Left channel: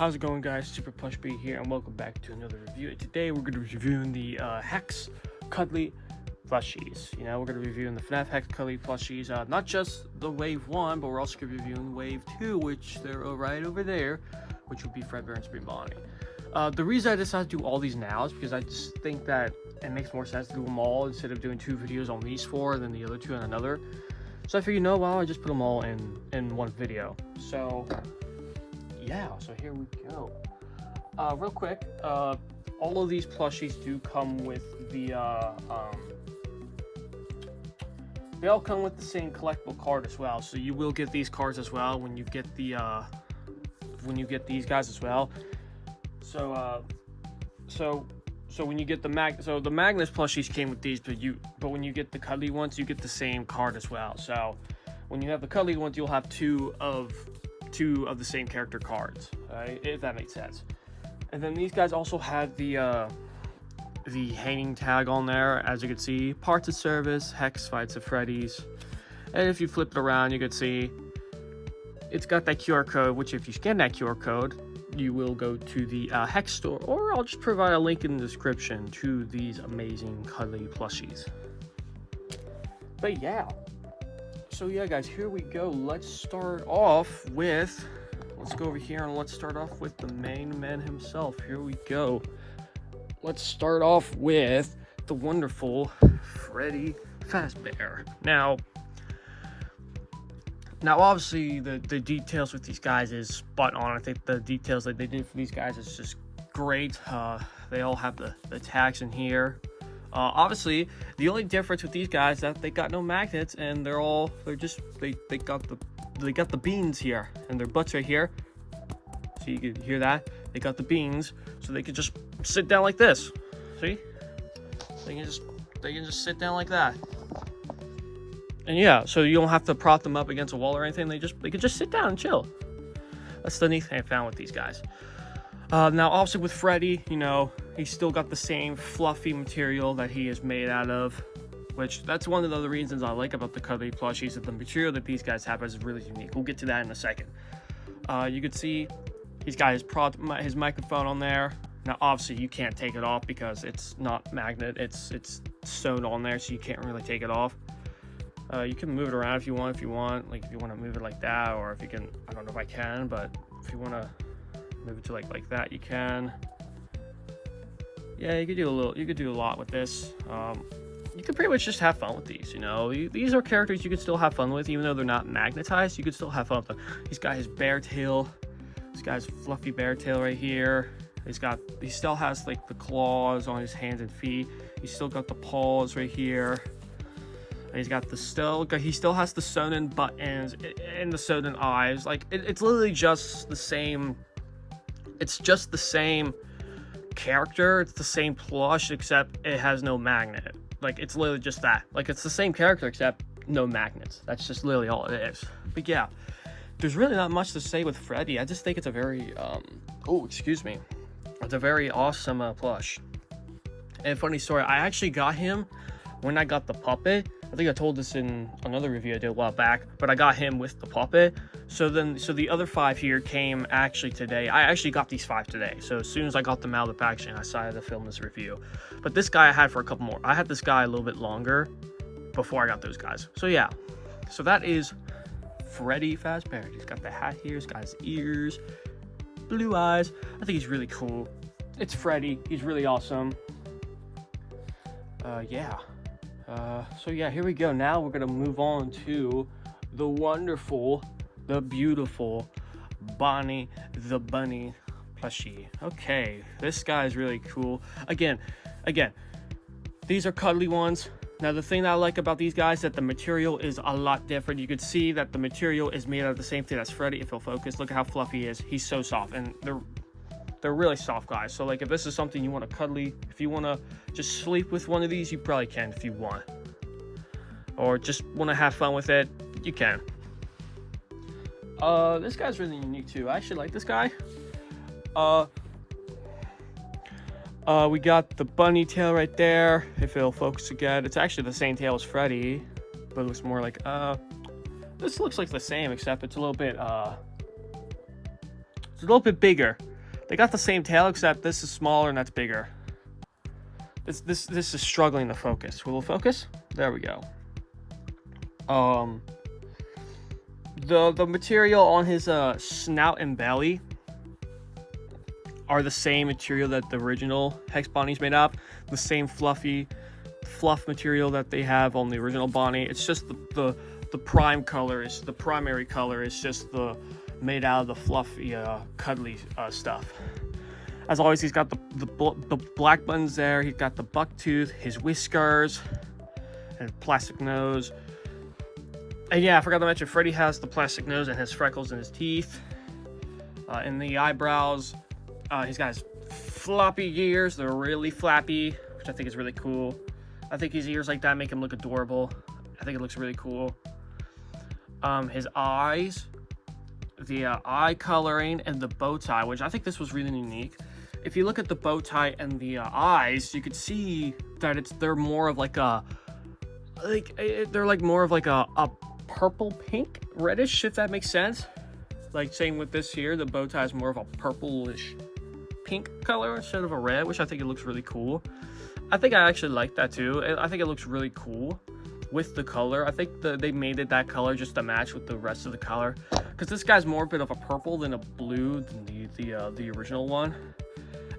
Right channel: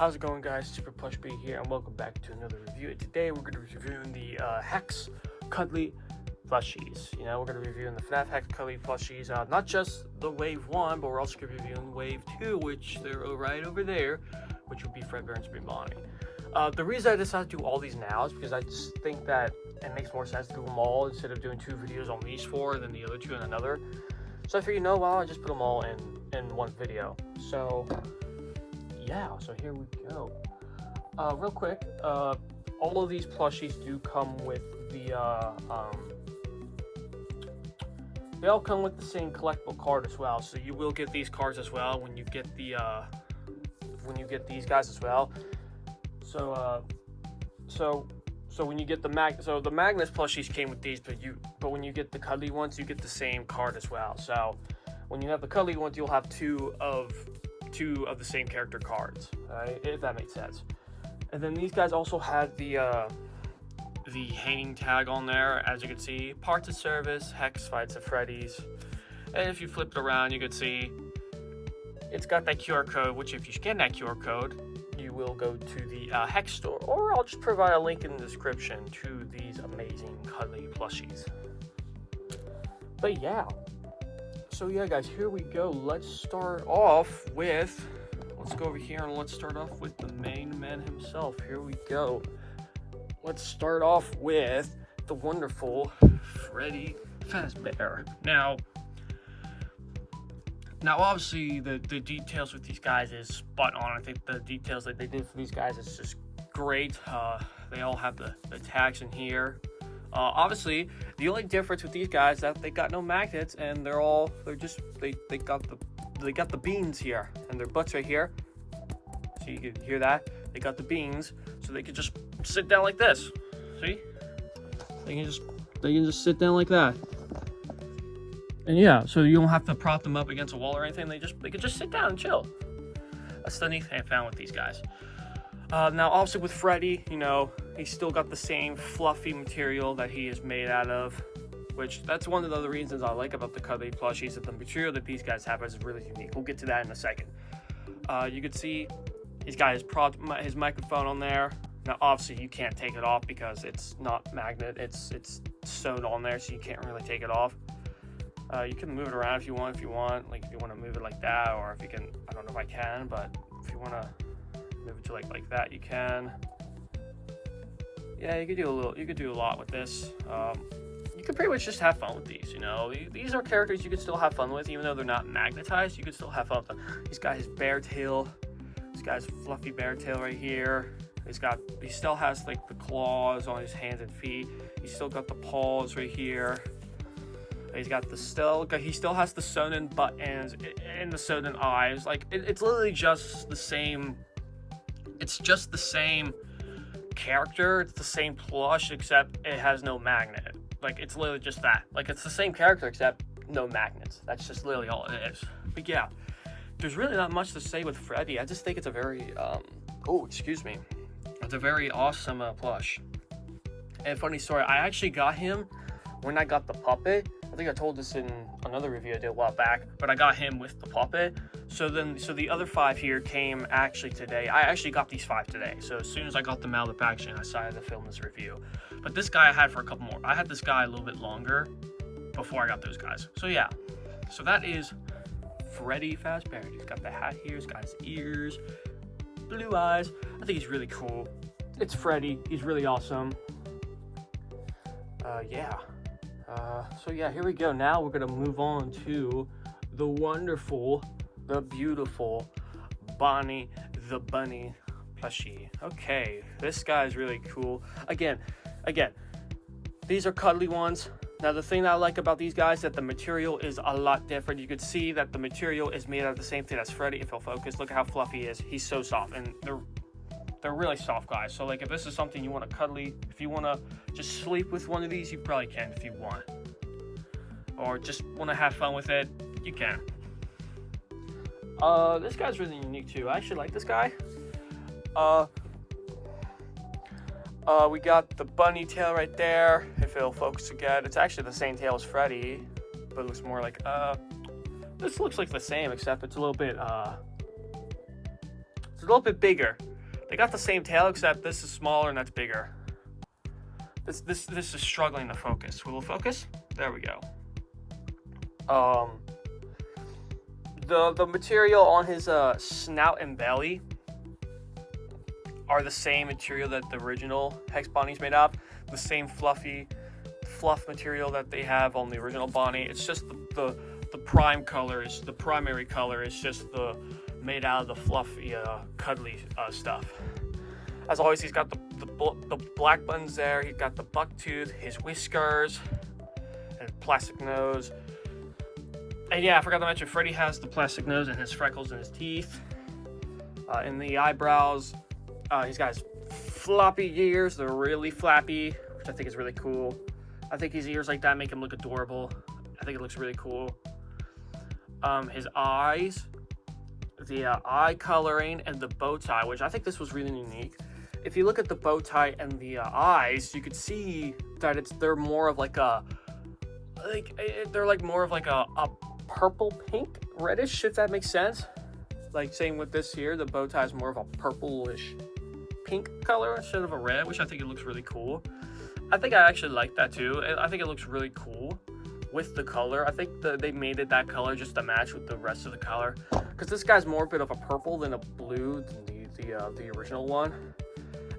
How's it going, guys? Super Plush B here, and welcome back to another review. Today we're going to be reviewing the HEX Cuddly Plushies. We're going to be reviewing the FNaF HEX Cuddly Plushies, not just the Wave 1, but we're also going to be reviewing Wave 2, which they're right over there, which will be Freddy and Bonnie. The reason I decided to do all these now is because I just think that it makes more sense to do them all instead of doing 2 videos on these 4 and then the other 2 on another. So I figured, I just put them all in one video. So yeah, so here we go. Real quick, all of these plushies do come with the they all come with the same collectible card as well. So you will get these cards as well when you get the these guys as well. So when you get the Magnus plushies came with these, but when you get the cuddly ones, you get the same card as well. So when you have the cuddly ones, you'll have two of the same character cards, right? If that makes sense. And then these guys also had the hanging tag on there, as you can see, parts of service, Hex fights at Freddy's. And if you flip it around, you can see it's got that QR code, which if you scan that QR code, you will go to the HEX store, or I'll just provide a link in the description to these amazing cuddly plushies. But yeah, so yeah, guys, here we go. Let's go over here and let's start off with the main man himself. Here we go. Let's start off with the wonderful Freddy Fazbear. Now, obviously, the details with these guys is spot on. I think the details that they did for these guys is just great. They all have the tags in here. Obviously, the only difference with these guys is that they got no magnets, and they got the beans here, and their butts right here. So you can hear that. They got the beans, so they can just sit down like this. See? They can just sit down like that. And yeah, so you don't have to prop them up against a wall or anything. They can just sit down and chill. That's the neat thing I found with these guys. Now, obviously with Freddy, he's still got the same fluffy material that he is made out of, which that's one of the other reasons I like about the cuddly plushies, that the material that these guys have is really unique. We'll get to that in a second. You can see he's got his microphone on there. Now, obviously, you can't take it off because it's not magnet. It's sewn on there, so you can't really take it off. You can move it around if you want, like if you want to move it like that, or if you can, I don't know if I can, but if you want to move it to like that, you can. Yeah, you could do a lot with this. You can pretty much just have fun with these, These are characters you can still have fun with, even though they're not magnetized. You can still have fun with them. He's got his bear tail. This guy's fluffy bear tail right here. He still has like the claws on his hands and feet. He's still got the paws right here. And he still has the sewn-in buttons and the sewn-in eyes. Like it's literally just the same. It's just the same character. It's the same plush, except it has no magnet. Like it's literally just that. Like it's the same character except no magnets. That's just literally all it is. But yeah, there's really not much to say with Freddy. I just think it's a very it's a very awesome plush. And funny story, I actually got him when I got the puppet. I think I told this in another review I did a while back, but I got him with the puppet. So the other 5 here came actually today. I actually got these 5 today. So as soon as I got them out of the packaging, I decided to film this review. But this guy I had for a couple more. I had this guy a little bit longer before I got those guys. So yeah, so that is Freddy Fazbear. He's got the hat here, he's got his ears, blue eyes. I think he's really cool. It's Freddy, he's really awesome. So yeah, here we go. Now we're gonna move on to the wonderful, the beautiful Bonnie the Bunny plushie. Okay, this guy is really cool. Again, these are cuddly ones. Now the thing that I like about these guys is that the material is a lot different. You can see that the material is made out of the same thing as Freddy. If you'll focus, look at how fluffy he is. He's so soft, and they're really soft guys. So like if this is something you want to cuddly, if you want to just sleep with one of these, you probably can if you want. Or just want to have fun with it, you can. This guy's really unique too. I actually like this guy. We got the bunny tail right there. If it'll focus again, it's actually the same tail as Freddy, but it looks more like this looks like the same, except it's a little bit bigger. They got the same tail, except this is smaller and that's bigger. This is struggling to focus. Will it focus? There we go. The material on his snout and belly are the same material that the original Hex Bonnie's made up. The same fluffy fluff material that they have on the original Bonnie. It's just the prime color is the primary color is just the made out of the fluffy cuddly stuff. As always, he's got the black buttons there. He's got the buck tooth, his whiskers, and plastic nose. And yeah, I forgot to mention, Freddy has the plastic nose and has freckles in his teeth. In the eyebrows, he's got his floppy ears. They're really flappy, which I think is really cool. I think his ears like that make him look adorable. I think it looks really cool. His eyes, the eye coloring, and the bow tie, which I think this was really unique. If you look at the bow tie and the eyes, you could see that they're more of like a purple pink reddish, if that makes sense. Like same with this here, the bow tie is more of a purplish pink color instead of a red, which I think it looks really cool. I think I actually like that too, and I think it looks really cool with the color. I think they made it that color just to match with the rest of the color, because this guy's more a bit of a purple than a blue than the original one.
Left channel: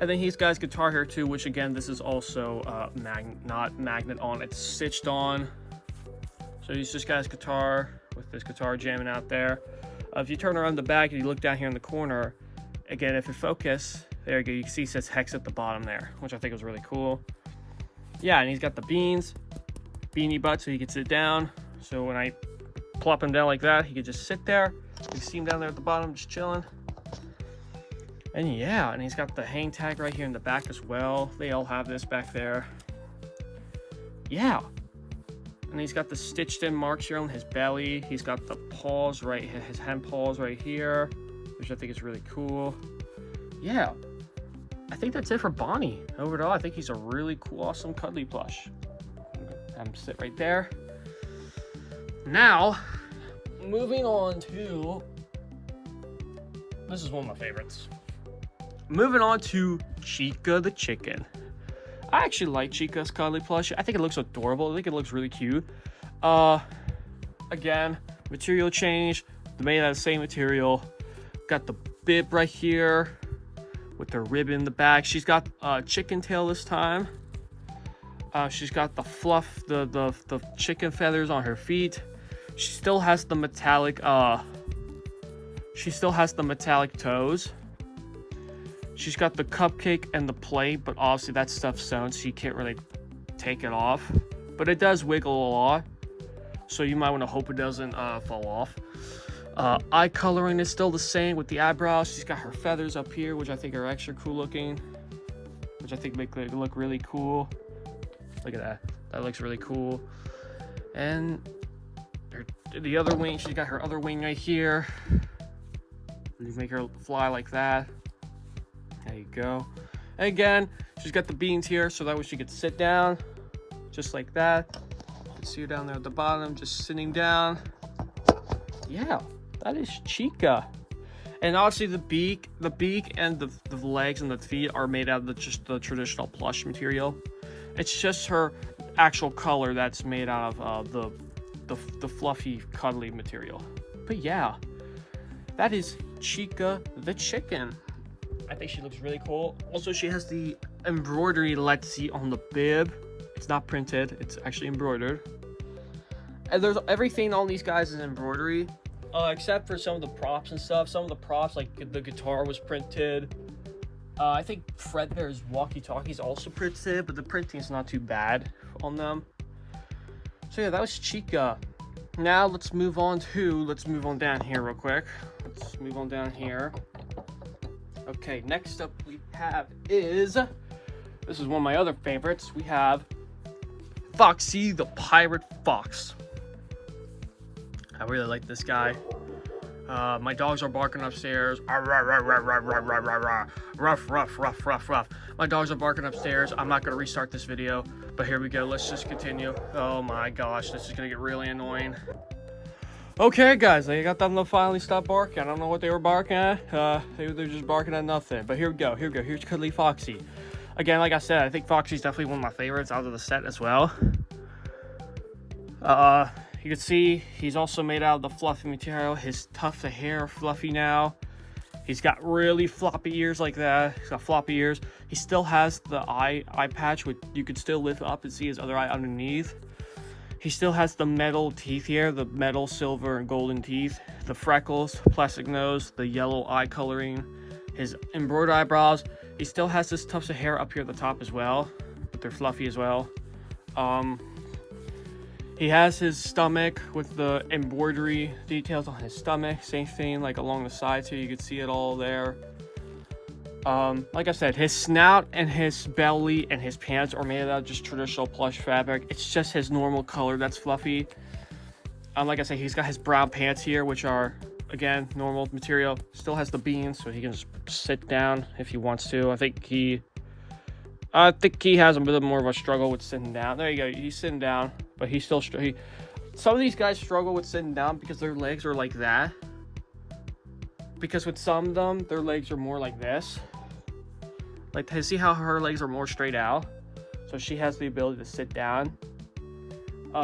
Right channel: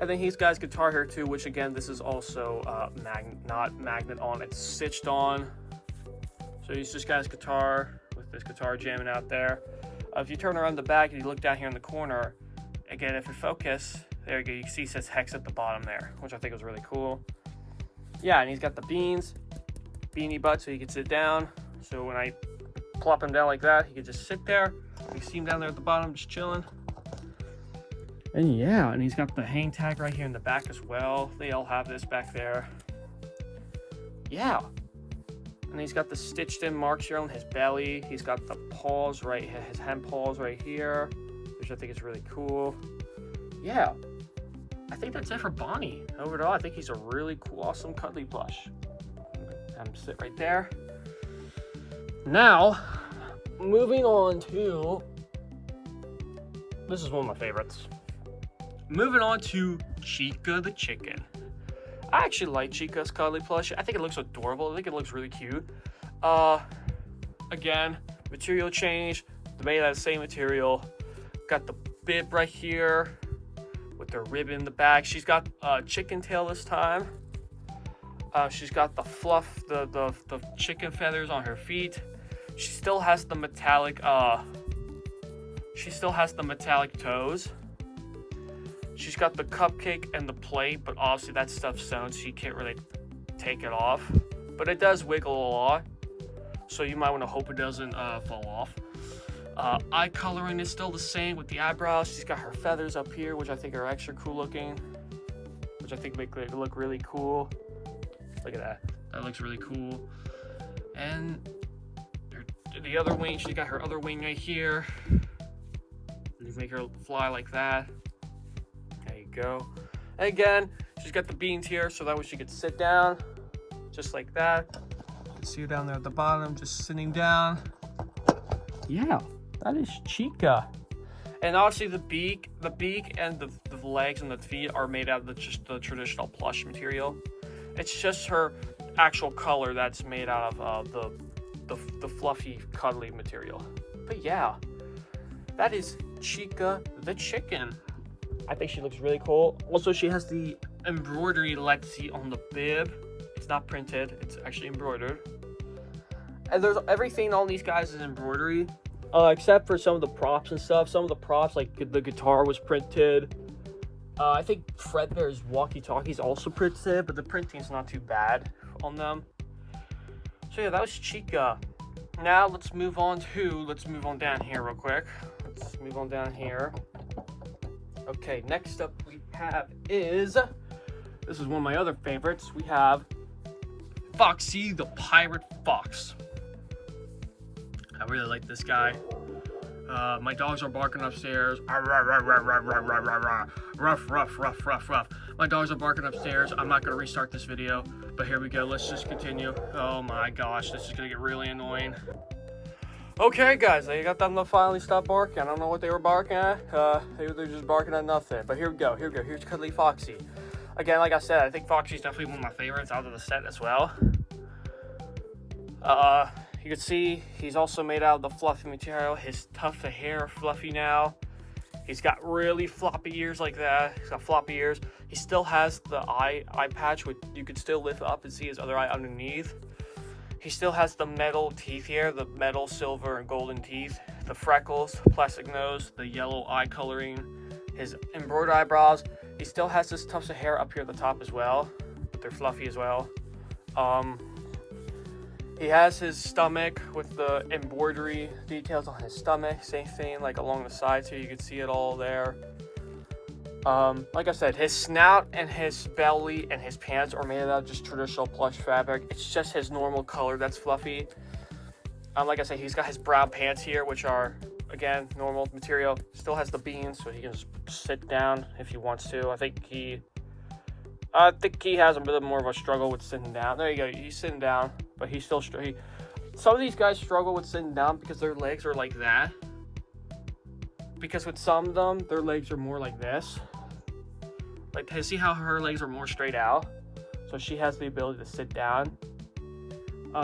And then he's got his guitar here too, which again, this is also not magnet on, it's stitched on. So he's just got his guitar with his guitar jamming out there. If you turn around the back and you look down here in the corner, again, if you focus, there you go, you can see it says Hex at the bottom there, which I think was really cool. Yeah, and he's got the beanie butt so he can sit down. So when I plop him down like that, he could just sit there. You see him down there at the bottom, just chilling. And yeah, and he's got the hang tag right here in the back as well. They all have this back there. Yeah. And he's got the stitched in marks here on his belly. He's got the paws right, his hand paws right here, which I think is really cool. Yeah. I think that's it for Bonnie. Overall, I think he's a really cool, awesome cuddly plush. Have him sit right there. Now, moving on to, this is one of my favorites. Moving on to Chica the chicken. I actually like Chica's cuddly plush. I think it looks adorable. I think it looks really cute. Again, material change. Made out of the same material. Got the bib right here with the ribbon in the back. She's got chicken tail this time. She's got the fluff, the chicken feathers on her feet. She still has the metallic toes. She's got the cupcake and the plate, but obviously that stuff's sewn, so you can't really take it off. But it does wiggle a lot, so you might want to hope it doesn't fall off. Eye coloring is still the same with the eyebrows. She's got her feathers up here, which I think are extra cool looking, which I think make it look really cool. Look at that. That looks really cool. And the other wing, she's got her other wing right here. You make her fly like that. Go. And again, she's got the beans here, so that way she could sit down just like that. You can see her down there at the bottom, just sitting down. Yeah, that is Chica. And obviously the beak and the legs and the feet are made out of just the traditional plush material. It's just her actual color that's made out of the fluffy, cuddly material. But yeah, that is Chica the chicken. I think she looks really cool. Also, she has the embroidery let's see on the bib. It's not printed, it's actually embroidered. And there's everything on these guys is embroidery, except for some of the props and stuff. Some of the props, like the guitar was printed. I think Fredbear's walkie-talkie's also printed, but the printing's not too bad on them. So yeah, that was Chica. Now let's move on down here real quick. Let's move on down here. Okay, next up we have this is one of my other favorites. We have Foxy the Pirate Fox. I really like this guy. My dogs are barking upstairs. Ruff, ruff, ruff, ruff, ruff. My dogs are barking upstairs. I'm not going to restart this video, but here we go. Let's just continue. Oh my gosh, this is going to get really annoying. Okay, guys, they got them to finally stop barking. I don't know what they were barking at. They're just barking at nothing. But here we go. Here's Cuddly Foxy. Again, like I said, I think Foxy's definitely one of my favorites out of the set as well. You can see he's also made out of the fluffy material. His tufts of hair are fluffy now. He's got really floppy ears like that. He's got floppy ears. He still has the eye patch, which you can still lift up and see his other eye underneath. He still has the metal teeth here, the metal, silver, and golden teeth, the freckles, plastic nose, the yellow eye coloring, his embroidered eyebrows. He still has this tufts of hair up here at the top as well. They're fluffy as well. He has his stomach with the embroidery details on his stomach. Same thing like along the sides here. You can see it all there. Like I said, his snout and his belly and his pants are made out of just traditional plush fabric. It's just his normal color that's fluffy. Like I said, he's got his brown pants here, which are, again, normal material. Still has the beans, so he can just sit down if he wants to. I think he has a bit more of a struggle with sitting down. There you go. He's sitting down, but he's still some of these guys struggle with sitting down because their legs are like that. Because with some of them, their legs are more like this. Like, you see how her legs are more straight out? So she has the ability to sit down.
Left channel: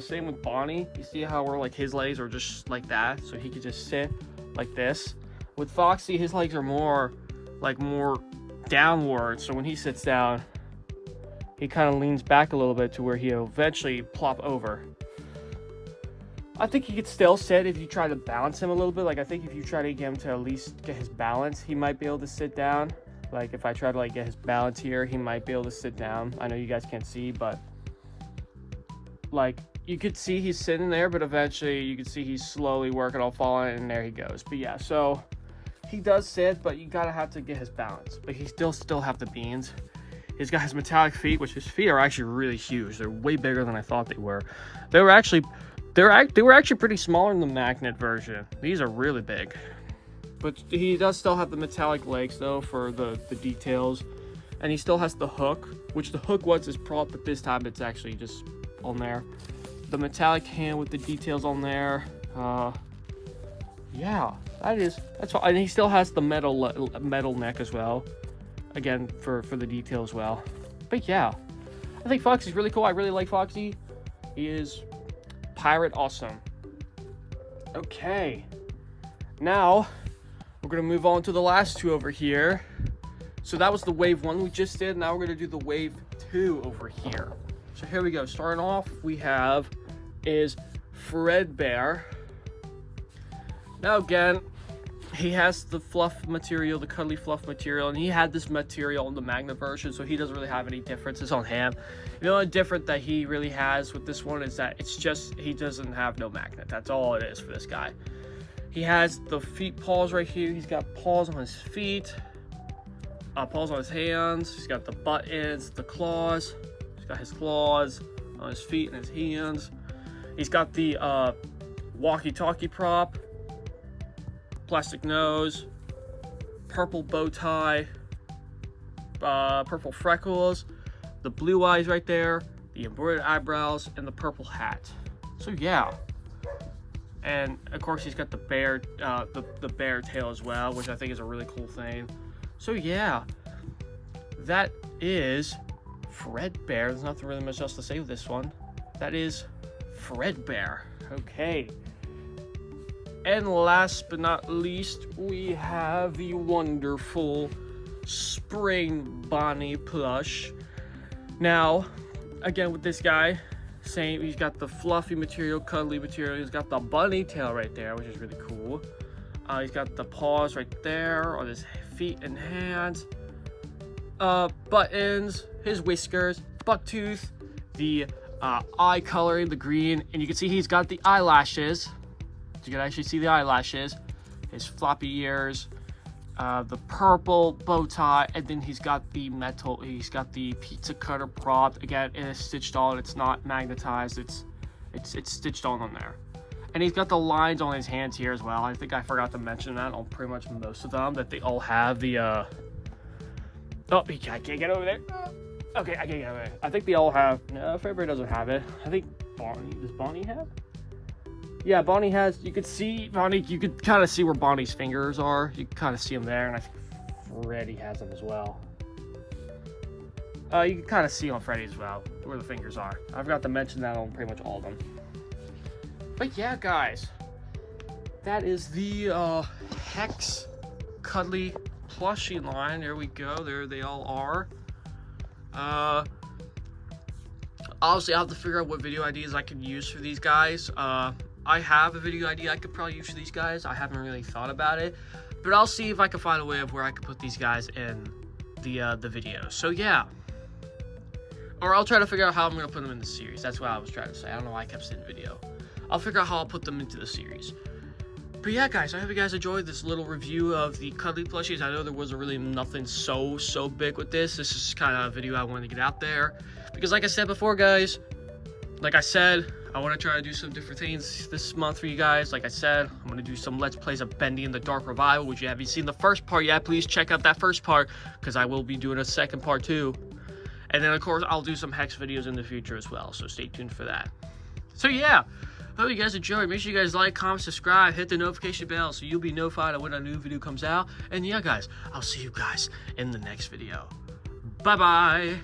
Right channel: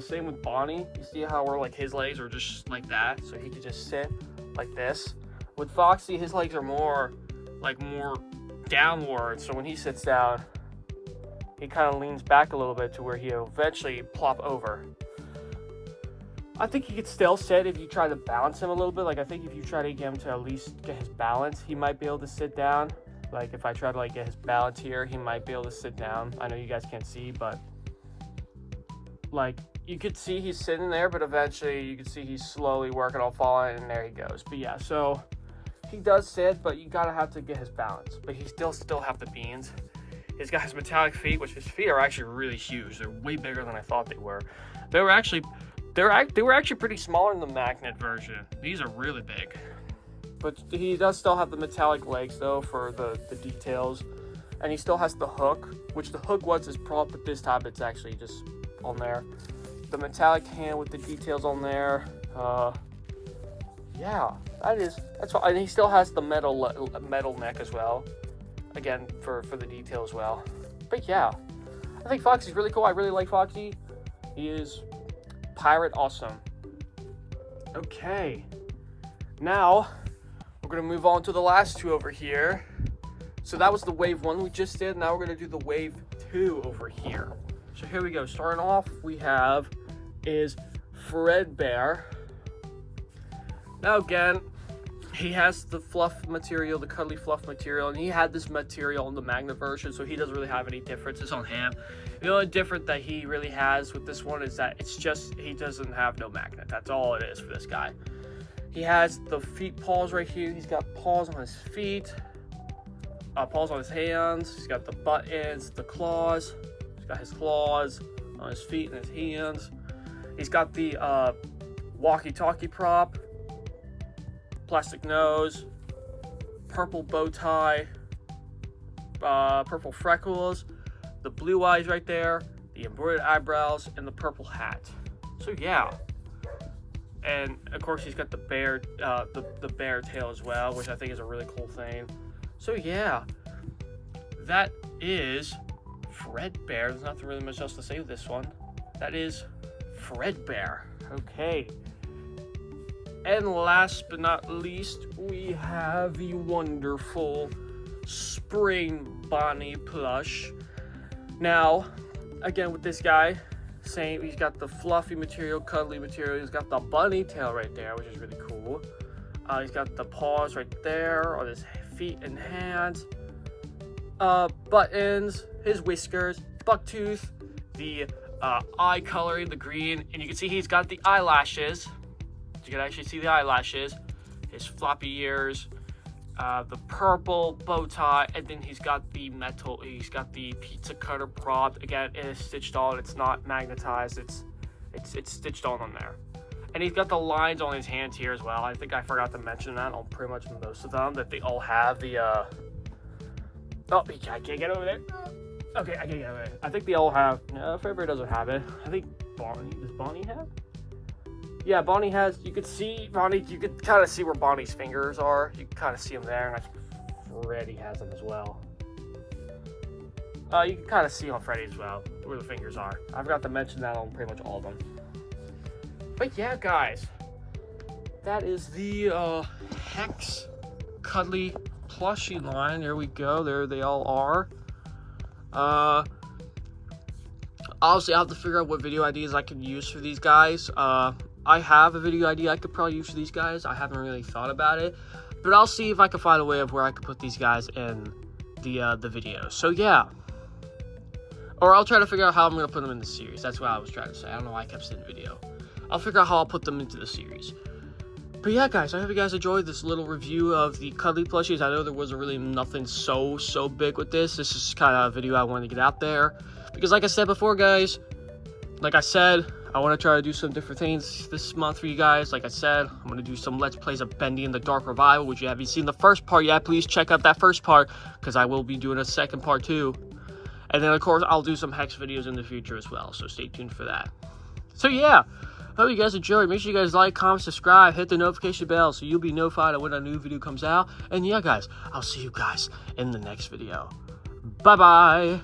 Same with Bonnie. You see how his legs are just like that? So he could just sit like this. With Foxy, his legs are more downward. So when he sits down, he kind of leans back a little bit to where he'll eventually plop over. I think he could still sit if you try to balance him a little bit. Like, I think if you try to get him to at least get his balance, he might be able to sit down. Like, if I try to get his balance here, he might be able to sit down. I know you guys can't see, but like, you could see he's sitting there, but eventually you can see he's slowly working on falling, and there he goes. But yeah, so he does sit, but you gotta have to get his balance. But he still have the beans. He's got his metallic feet, which his feet are actually really huge. They're way bigger than I thought they were. They were actually pretty small in the magnet version. These are really big. But he does still have the metallic legs though for the details. And he still has the hook, which the hook was his prop, but this time it's actually just on there. The metallic hand with the details on there. Yeah, that's what, and he still has the metal neck as well. Again, for the detail as well. But yeah, I think Foxy's really cool. I really like Foxy. He is pirate awesome. Okay, now we're gonna move on to the last two over here. So that was the wave 1 we just did. Now we're gonna do the wave 2 over here. So here we go. Starting off, we have is Fredbear. Now again, he has the fluff material, the cuddly fluff material, and he had this material in the magnet version, so he doesn't really have any differences on him. The only difference that he really has with this one is that it's just, he doesn't have no magnet. That's all it is for this guy. He has the feet paws right here. He's got paws on his feet, paws on his hands. He's got the buttons, the claws. He's got his claws on his feet and his hands. He's got the walkie-talkie prop, plastic nose, purple bow tie, purple freckles, the blue eyes right there, the embroidered eyebrows, and the purple hat. So yeah, and of course he's got the bear tail as well, which I think is a really cool thing. So yeah, that is Fredbear. There's nothing really much else to say with this one. That is Fredbear. Okay. And last but not least, we have the wonderful Spring Bonnie plush. Now, again with this guy, same, he's got the fluffy material, cuddly material. He's got the bunny tail right there, which is really cool. He's got the paws right there on his feet and hands. Buttons, his whiskers, buck tooth, the eye coloring, the green, and you can see he's got the eyelashes. You can actually see the eyelashes, his floppy ears, the purple bow tie, and then he's got the pizza cutter prop. Again, it is stitched on. It's not magnetized. It's stitched on there. And he's got the lines on his hands here as well. I think I forgot to mention that on pretty much most of them, that they all have the oh, I can't get over there. Okay, I can't get over there. I think they all have. No, Fredbear doesn't have it. I think Bonnie, does Bonnie have? yeah, Bonnie has, you could see, Bonnie, you could kind of see where Bonnie's fingers are. You can kind of see them there, and I think Freddy has them as well. You can kind of see on Freddy as well, where the fingers are. I forgot to mention that on pretty much all of them. But yeah, guys, that is the HEX Cuddly Plushie line. There we go. There they all are. Obviously, I'll have to figure out what video ideas I can use for these guys. I have a video idea I could probably use for these guys. I haven't really thought about it, but I'll see if I can find a way of where I can put these guys in the video. So yeah, or I'll try to figure out how I'm gonna put them in the series. That's what I was trying to say. I don't know why I kept saying video. I'll figure out how I'll put them into the series. But yeah, guys, I hope you guys enjoyed this little review of the Cuddly Plushies. I know there wasn't really nothing so big with this. This is kind of a video I wanted to get out there. Because like I said before, guys, like I said, I want to try to do some different things this month for you guys. Like I said, I'm going to do some Let's Plays of Bendy and the Dark Revival, which you haven't seen the first part yet. Please check out that first part, because I will be doing a second part too. And then, of course, I'll do some Hex videos in the future as well, so stay tuned for that. So yeah, hope you guys enjoyed. Make sure you guys like, comment, subscribe, hit the notification bell so you'll be notified of when a new video comes out. And yeah, guys, I'll see you guys in the next video. Bye-bye.